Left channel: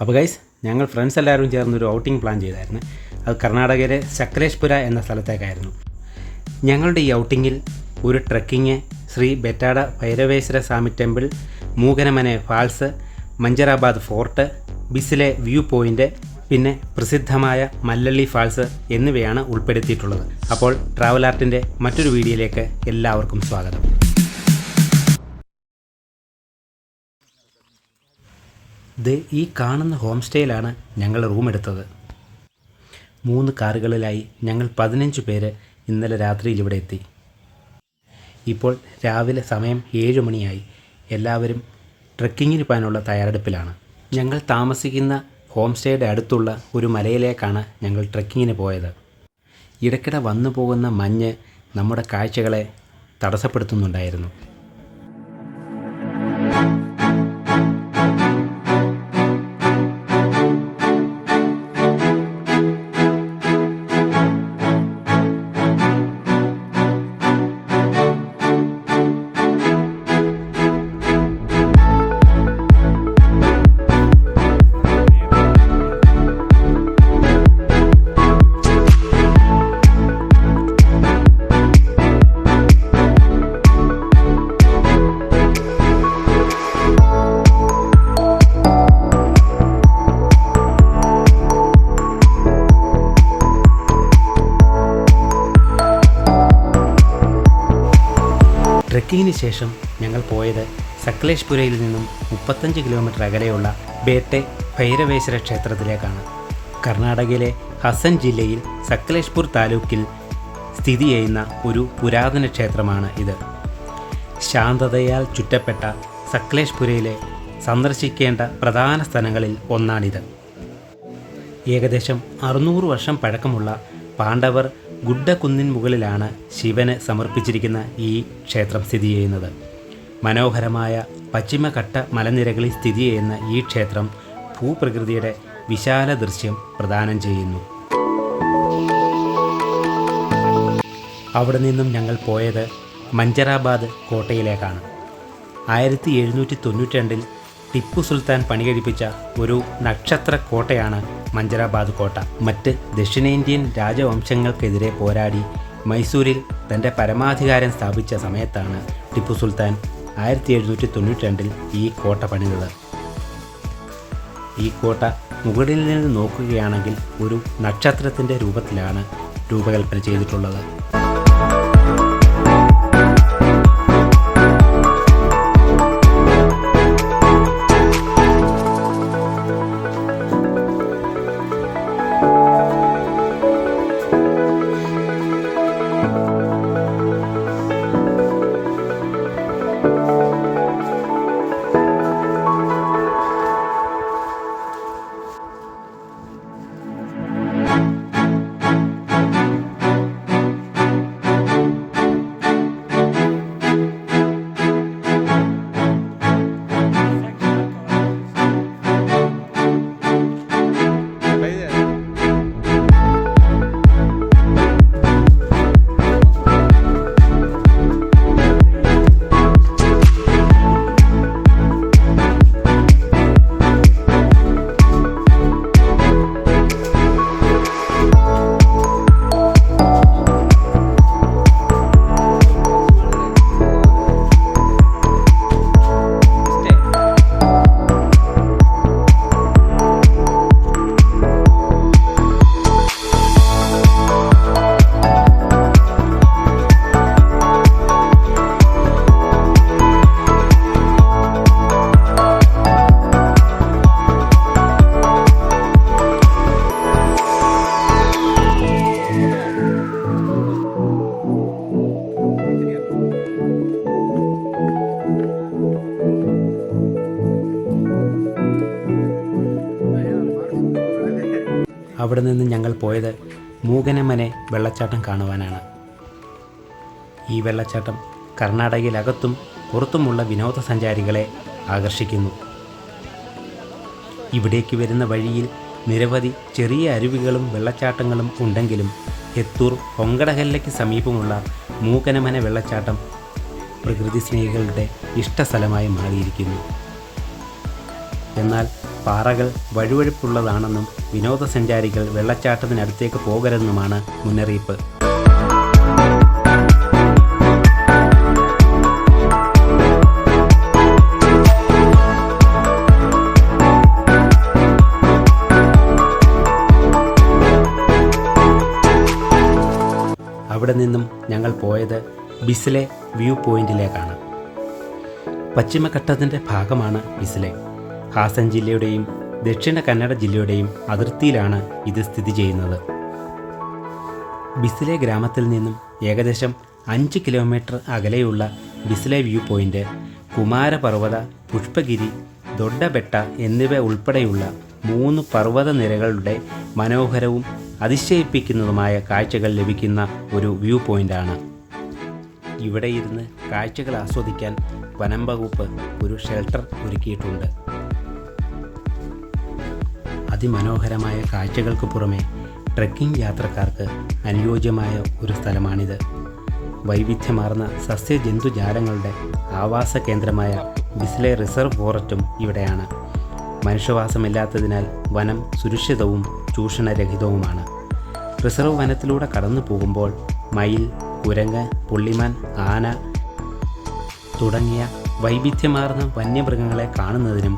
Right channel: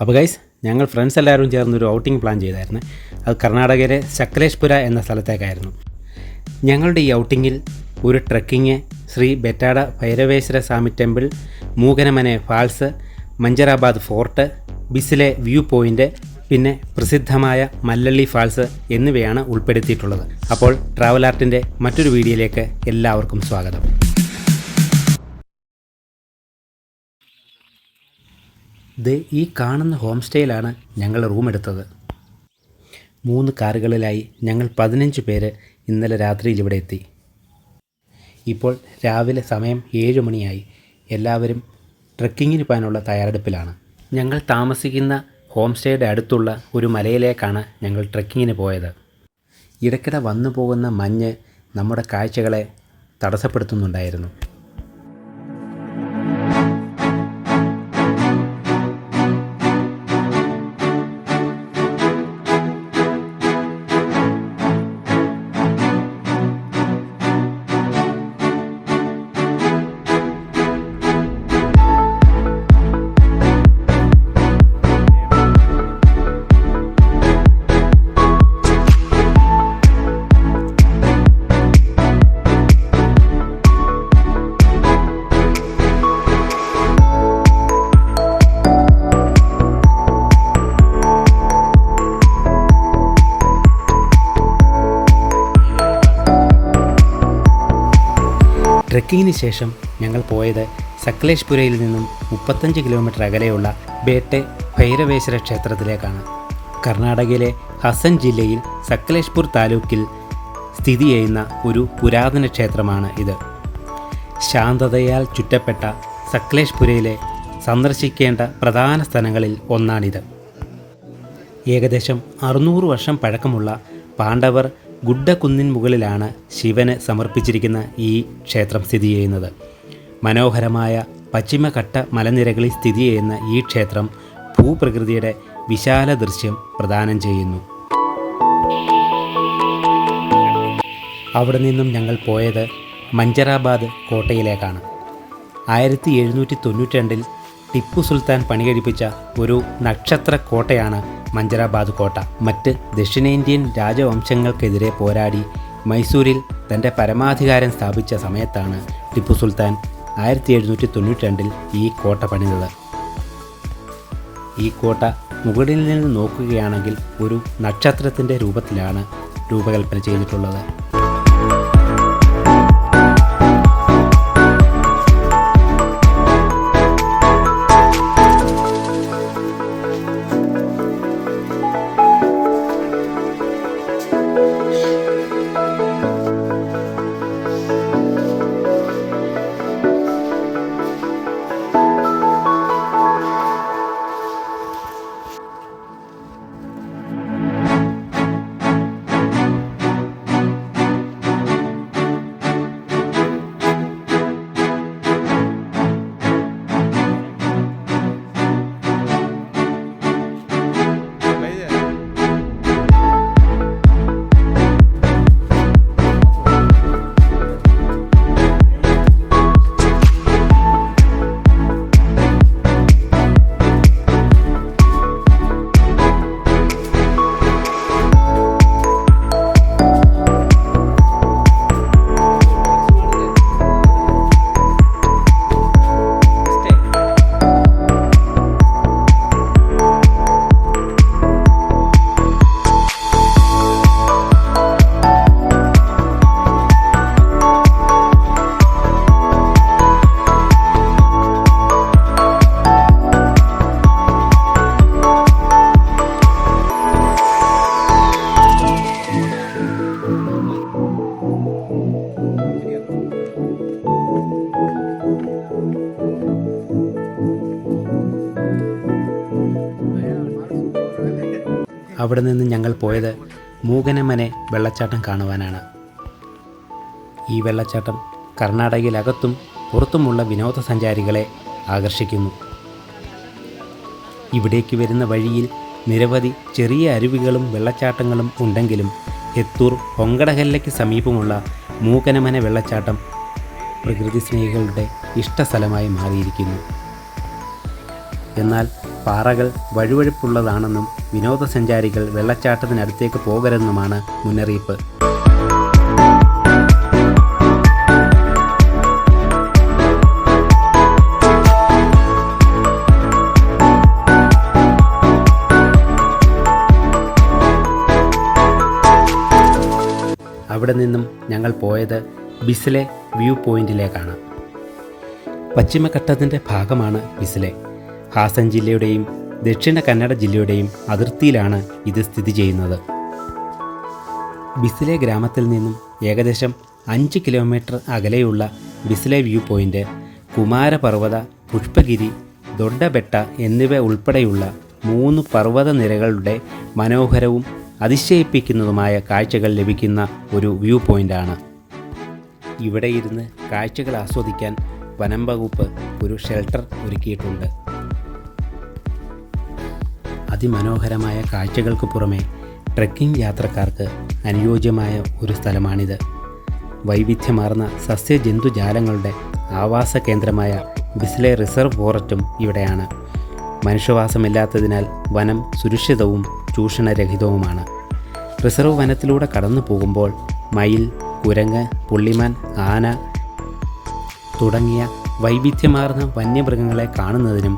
അപ്പോൾ ഗൈസ്, ഞങ്ങൾ ഫ്രണ്ട്സ് എല്ലാവരും ചേർന്നൊരു ഔട്ടിംഗ് പ്ലാൻ ചെയ്തായിരുന്നു. അത് കർണാടകയിലെ സക്കലേഷ്പുര എന്ന സ്ഥലത്തേക്കായിരുന്നു. ഞങ്ങളുടെ ഈ ഔട്ടിങ്ങിൽ ഒരു trekking, Shri Betada Bhairaveshwara Swamy temple, Mookanamane falls, Manjarabad fort, Bisile view point, പിന്നെ പ്രസിദ്ധമായ മല്ലള്ളി ഫാൾസ് എന്നിവയാണ് ഉൾപ്പെടുത്തിയിട്ടുള്ളത്. അപ്പോൾ ട്രാവൽ ആർട്ടിൻ്റെ മറ്റൊരു വീഡിയോയിലേക്ക് എല്ലാവർക്കും സ്വാഗതം. ഈ കാണുന്ന ഹോം സ്റ്റേയിലാണ് ഞങ്ങൾ റൂം എടുത്തത്. 3 കാറുകളിലായി ഞങ്ങൾ 15 പേര് ഇന്നലെ രാത്രിയിൽ ഇവിടെ എത്തി. ഇപ്പോൾ രാവിലെ സമയം 7 മണിയായി. എല്ലാവരും ട്രക്കിങ്ങിന് പോകാനുള്ള തയ്യാറെടുപ്പിലാണ്. ഞങ്ങൾ താമസിക്കുന്ന ഹോം സ്റ്റേയുടെ അടുത്തുള്ള ഒരു മലയിലേക്കാണ് ഞങ്ങൾ ട്രക്കിങ്ങിന് പോയത്. ഇടയ്ക്കിടെ വന്നു പോകുന്ന മഞ്ഞ് നമ്മുടെ കാഴ്ചകളെ തടസ്സപ്പെടുത്തുന്നുണ്ടായിരുന്നു. ട്രെക്കിങ്ങിന് ശേഷം ഞങ്ങൾ പോയത് സക്കലേഷ്പുരയിൽ നിന്നും 35 കിലോമീറ്റർ അകലെയുള്ള ബേട്ടെ ഭൈരവേശ്വര ക്ഷേത്രത്തിലേക്കാണ്. കർണാടകയിലെ ഹസൻ ജില്ലയിൽ സക്കലേഷ്പൂർ താലൂക്കിൽ സ്ഥിതി ചെയ്യുന്ന ഒരു പുരാതന ക്ഷേത്രമാണ് ഇത്. ശാന്തതയാൽ ചുറ്റപ്പെട്ട സക്കലേഷ്പുരയിലെ സന്ദർശിക്കേണ്ട പ്രധാന സ്ഥലങ്ങളിൽ ഒന്നാണിത്. ഏകദേശം 600 വർഷം പഴക്കമുള്ള പാണ്ഡവർ ഗുഡ്ഡക്കുന്നിൻ മുകളിലാണ് ശിവന് സമർപ്പിച്ചിരിക്കുന്ന ഈ ക്ഷേത്രം സ്ഥിതി ചെയ്യുന്നത്. മനോഹരമായ പശ്ചിമഘട്ട മലനിരകളിൽ സ്ഥിതി ചെയ്യുന്ന ഈ ക്ഷേത്രം ഭൂപ്രകൃതിയുടെ വിശാല ദൃശ്യം പ്രദാനം ചെയ്യുന്നു. അവിടെ നിന്നും ഞങ്ങൾ പോയത് മഞ്ചറാബാദ് കോട്ടയിലേക്കാണ്. 1792 ടിപ്പു സുൽത്താൻ പണികഴിപ്പിച്ച ഒരു നക്ഷത്ര കോട്ടയാണ് മഞ്ചറാബാദ് കോട്ട. മറ്റ് ദക്ഷിണേന്ത്യൻ രാജവംശങ്ങൾക്കെതിരെ പോരാടി മൈസൂരിൽ തൻ്റെ പരമാധികാരം സ്ഥാപിച്ച സമയത്താണ് ടിപ്പു സുൽത്താൻ 1792 ഈ കോട്ട പണിതത്. ഈ കോട്ട മുകളിൽ നിന്ന് നോക്കുകയാണെങ്കിൽ ഒരു നക്ഷത്രത്തിൻ്റെ രൂപത്തിലാണ് രൂപകൽപ്പന ചെയ്തിട്ടുള്ളത്. അവിടെ നിന്ന് ഞങ്ങൾ പോയത് മൂകനമനെ വെള്ളച്ചാട്ടം കാണുവാനാണ്. ഈ വെള്ളച്ചാട്ടം കർണാടകയിലകത്തും പുറത്തുമുള്ള വിനോദസഞ്ചാരികളെ ആകർഷിക്കുന്നു. ഇവിടേക്ക് വരുന്ന വഴിയിൽ നിരവധി ചെറിയ അരുവികളും വെള്ളച്ചാട്ടങ്ങളും ഉണ്ടെങ്കിലും എത്തൂർ ഹൊങ്കടകല്ലയ്ക്ക് സമീപമുള്ള മൂകനമന വെള്ളച്ചാട്ടം പ്രകൃതി സ്നേഹികളുടെ ഇഷ്ടസ്ഥലമായി മാറിയിരിക്കുന്നു. എന്നാൽ പാറകൾ വഴുവഴുപ്പുള്ളതാണെന്നും വിനോദസഞ്ചാരികൾ വെള്ളച്ചാട്ടത്തിനടുത്തേക്ക് പോകരുതെന്നുമാണ് മുന്നറിയിപ്പ്. അവിടെ നിന്നും ഞങ്ങൾ പോയത് ബിസ്ലെ വ്യൂ പോയിന്റിലേക്കാണ്. പശ്ചിമഘട്ടത്തിൻ്റെ ഭാഗമാണ് ബിസ്ലെ. ഹാസൻ ജില്ലയുടെയും ദക്ഷിണ കന്നഡ ജില്ലയുടെയും അതിർത്തിയിലാണ് ഇത് സ്ഥിതി ചെയ്യുന്നത്. ബിസ്ലെ ഗ്രാമത്തിൽ നിന്നും ഏകദേശം 5 കിലോമീറ്റർ അകലെയുള്ള ബിസ്ലെ വ്യൂ പോയിൻ്റ് കുമാരപർവ്വത, പുഷ്പഗിരി, ദൊഡ്ഡബെട്ട എന്നിവ ഉൾപ്പെടെയുള്ള 3 പർവ്വത നിരകളുടെ മനോഹരവും അതിശയിപ്പിക്കുന്നതുമായ കാഴ്ചകൾ ലഭിക്കുന്ന ഒരു വ്യൂ പോയിൻ്റാണ്. ഇവിടെ ഇരുന്ന് കാഴ്ചകൾ ആസ്വദിക്കാൻ വനം വകുപ്പ് ഒരു ഷെൽട്ടർ ഒരുക്കിയിട്ടുണ്ട്. അതിമനോഹരമായ കാഴ്ചകൾക്ക് പുറമെ ട്രെക്കിംഗ് യാത്രക്കാർക്ക് അനുയോജ്യമായ ഒരു സ്ഥലമാണിത്. വൈവിധ്യമാർന്ന സസ്യജന്തുജാലങ്ങളുടെ ആവാസ കേന്ദ്രമായ ബിസ്ലെ റിസർവ് ഫോറസ്റ്റും ഇവിടെയാണ്. മനുഷ്യവാസമില്ലാത്തതിനാൽ വനം സുരക്ഷിതവും ചൂഷണരഹിതവുമാണ്. റിസർവ് വനത്തിലൂടെ കടന്നു പോകുമ്പോൾ മയിൽ, കുരങ്ങ്, പുള്ളിമാൻ, ആന തുടങ്ങിയ വൈവിധ്യമാർന്ന വന്യമൃഗങ്ങളെ കാണുന്നതിനും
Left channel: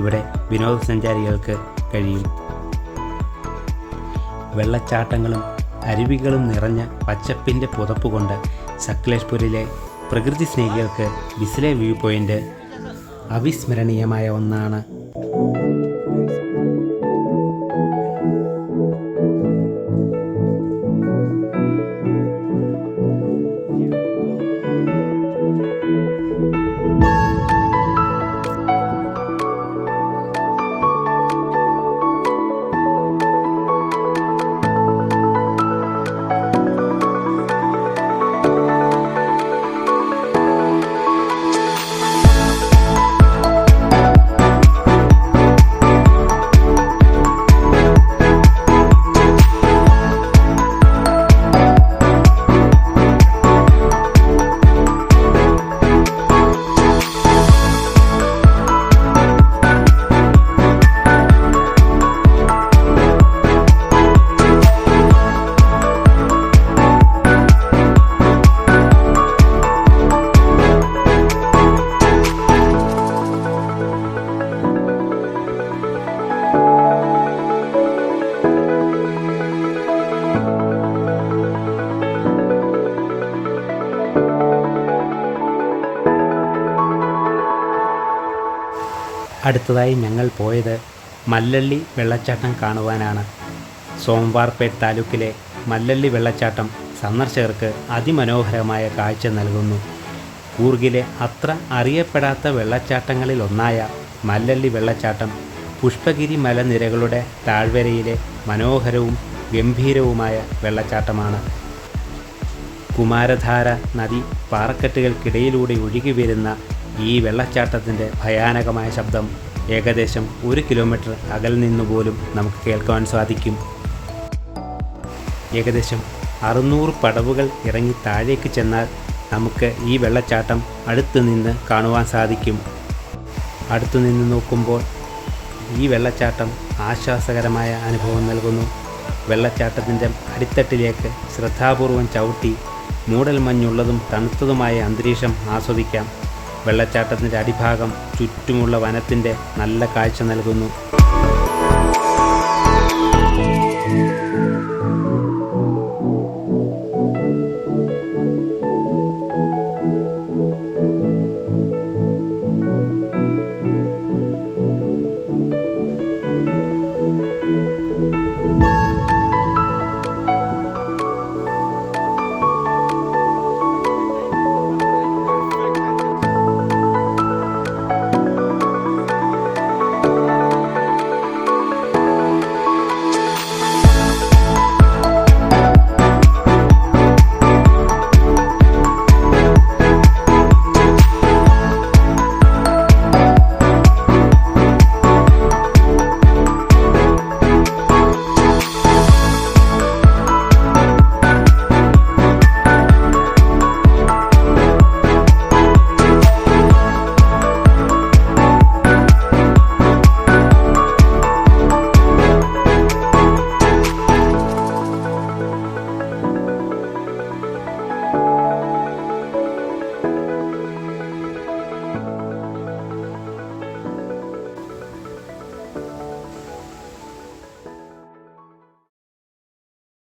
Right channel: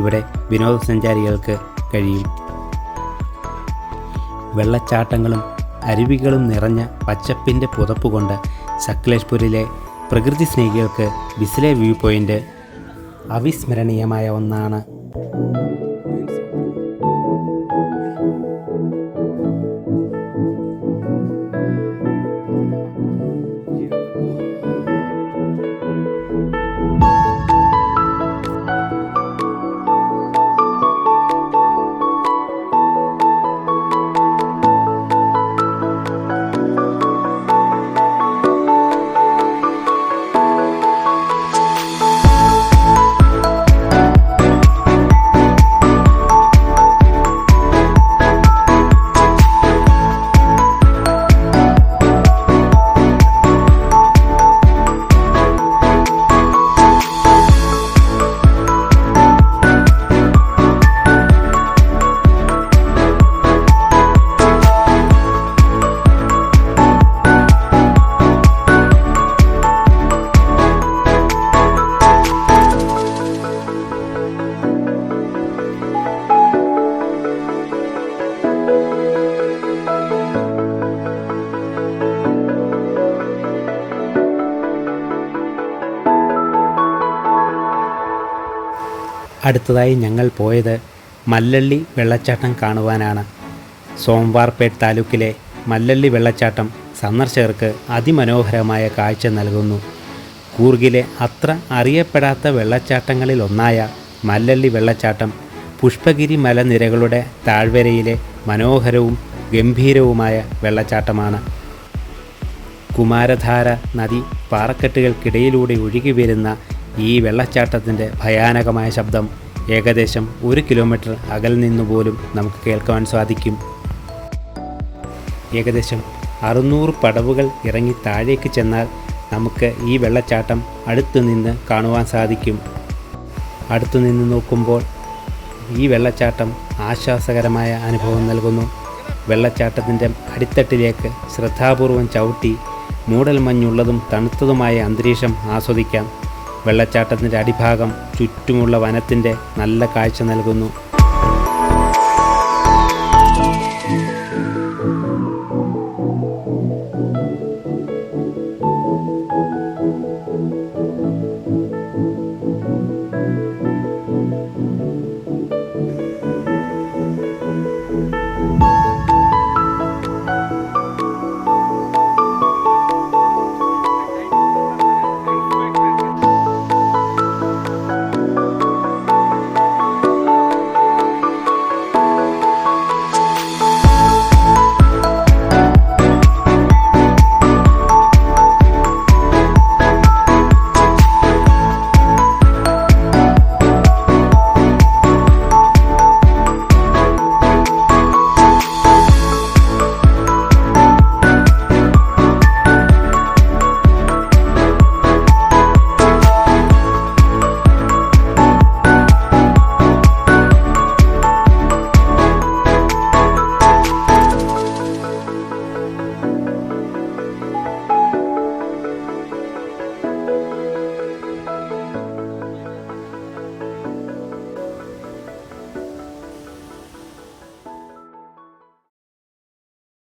ഇവിടെ വിനോദസഞ്ചാരികൾക്ക് കഴിയും. വെള്ളച്ചാട്ടങ്ങളും അരുവികളും നിറഞ്ഞ പച്ചപ്പിൻ്റെ പുതപ്പുകൊണ്ട് സക്ലേഷ്പൂരിലെ പ്രകൃതി സ്നേഹികൾക്ക് ബിസ്ലെ വ്യൂ പോയിൻ്റ് അവിസ്മരണീയമായ ഒന്നാണ്. അടുത്തതായി ഞങ്ങൾ പോയത് മല്ലള്ളി വെള്ളച്ചാട്ടം കാണുവാനാണ്. സോംവാർപേട്ട് താലൂക്കിലെ മല്ലള്ളി വെള്ളച്ചാട്ടം സന്ദർശകർക്ക് അതിമനോഹരമായ കാഴ്ച നൽകുന്നു. കൂർഗിലെ അത്ര അറിയപ്പെടാത്ത വെള്ളച്ചാട്ടങ്ങളിലൊന്നായ മല്ലള്ളി വെള്ളച്ചാട്ടം പുഷ്പഗിരി മലനിരകളുടെ താഴ്വരയിലെ മനോഹരവും ഗംഭീരവുമായ വെള്ളച്ചാട്ടമാണ്. കുമാരധാര നദി പാറക്കെട്ടുകൾക്കിടയിലൂടെ ഒഴുകി വരുന്ന ഈ വെള്ളച്ചാട്ടത്തിൻ്റെ ഭയാനകമായ ശബ്ദം ഏകദേശം 1 കിലോമീറ്റർ അകൽ നിന്നുപോലും നമുക്ക് കേൾക്കുവാൻ സാധിക്കും. ഏകദേശം 600 പടവുകൾ ഇറങ്ങി താഴേക്ക് ചെന്നാൽ നമുക്ക് ഈ വെള്ളച്ചാട്ടം അടുത്ത് നിന്ന് കാണുവാൻ സാധിക്കും. അടുത്തു നിന്ന് നോക്കുമ്പോൾ ഈ വെള്ളച്ചാട്ടം ആശ്വാസകരമായ അനുഭവം നൽകുന്നു. വെള്ളച്ചാട്ടത്തിൻ്റെ അടിത്തട്ടിലേക്ക് ശ്രദ്ധാപൂർവം ചവിട്ടി മൂടൽമഞ്ഞുള്ളതും തണുത്തതുമായ അന്തരീക്ഷം ആസ്വദിക്കാം. വെള്ളച്ചാട്ടത്തിൻ്റെ അടിഭാഗം ചുറ്റുമുള്ള വനത്തിൻ്റെ നല്ല കാഴ്ച നൽകുന്നു.